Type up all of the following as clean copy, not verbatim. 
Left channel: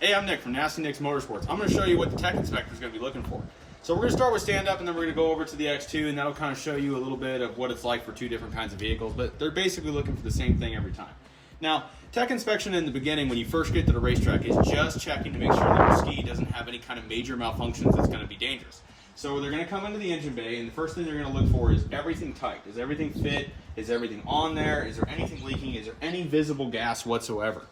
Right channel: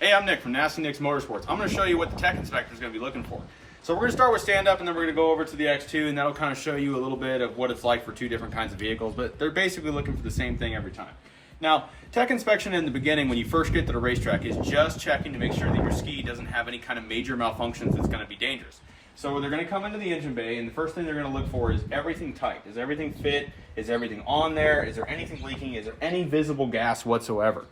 Hey, I'm Nick from Nasty Nick's Motorsports. I'm going to show you what the tech inspector is going to be looking for. So we're going to start with stand-up, and then we're going to go over to the X2, and that'll kind of show you a little bit of what it's like for two different kinds of vehicles, but they're basically looking for the same thing every time. Now, tech inspection in the beginning, when you first get to the racetrack, is just checking to make sure that your ski doesn't have any kind of major malfunctions that's going to be dangerous. So they're going to come into the engine bay, and the first thing they're going to look for is everything tight. Does everything fit? Is everything on there? Is there anything leaking? Is there any visible gas whatsoever?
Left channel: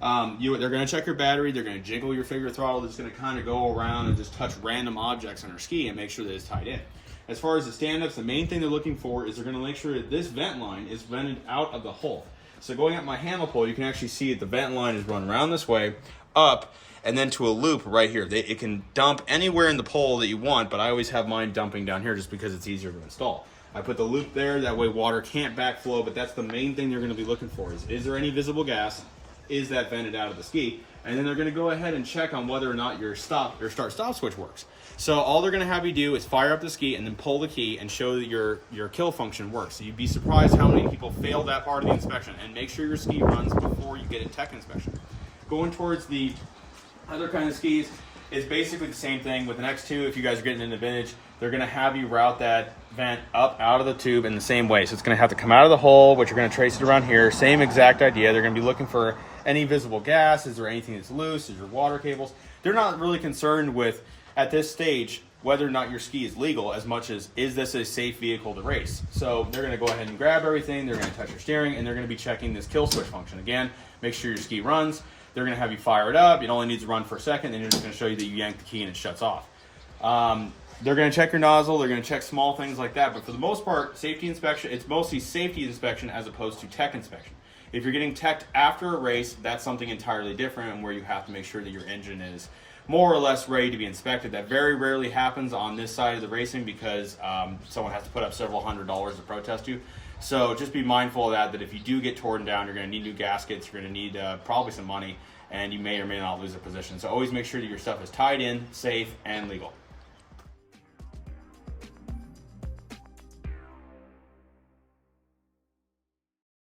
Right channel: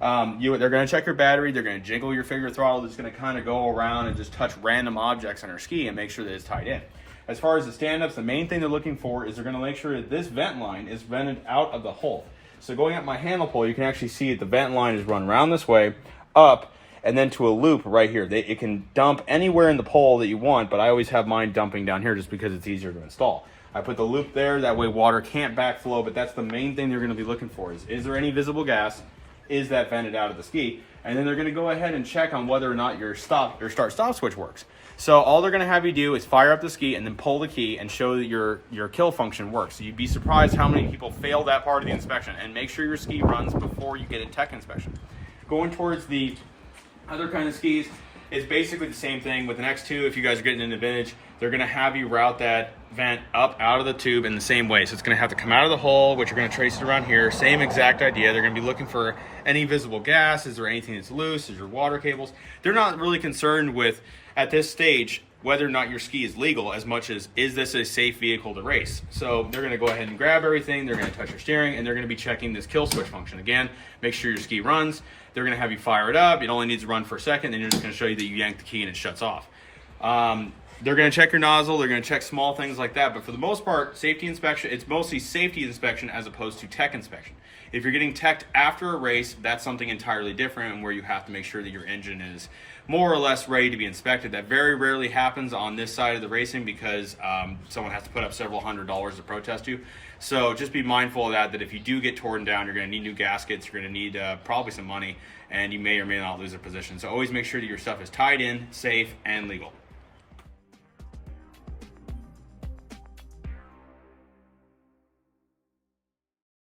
They're going to check your battery. They're going to jiggle your figure throttle. That's going to kind of go around and just touch random objects on your ski and make sure that it's tied in. As far as the stand-ups, the main thing they're looking for is they're going to make sure that this vent line is vented out of the hull. So going up my handle pole, you can actually see that the vent line is run around this way, up, and then to a loop right here. It can dump anywhere in the pole that you want, but I always have mine dumping down here just because it's easier to install. I put the loop there, that way water can't backflow, but that's the main thing they're going to be looking for is there any visible gas? Is that vented out of the ski? And then they're going to go ahead and check on whether or not your start-stop switch works. So all they're going to have you do is fire up the ski and then pull the key and show that your kill function works. So you'd be surprised how many people fail that part of the inspection. And make sure your ski runs before you get a tech inspection. Going towards the other kind of skis is basically the same thing. With an X2, if you guys are getting into vintage, they're going to have you route that vent up out of the tube in the same way. So it's going to have to come out of the hole, which you're going to trace it around here. Same exact idea. They're going to be looking for any visible gas. Is there anything that's loose? Is there water cables? They're not really concerned with, at this stage, whether or not your ski is legal as much as, is this a safe vehicle to race? So they're going to go ahead and grab everything. They're going to touch your steering, and they're going to be checking this kill switch function. Again, make sure your ski runs. They're going to have you fire it up. It only needs to run for a second. Then you're just going to show you that you yank the key and it shuts off. They're going to check your nozzle. They're going to check small things like that. But for the most part, safety inspection, it's mostly safety inspection as opposed to tech inspection. If you're getting teched after a race, that's something entirely different, and where you have to make sure that your engine is more or less ready to be inspected. That very rarely happens on this side of the racing because someone has to put up several $100s to protest you. So just be mindful of that if you do get torn down, you're going to need new gaskets, you're going to need probably some money, and you may or may not lose a position. So always make sure that your stuff is tied in, safe, and legal.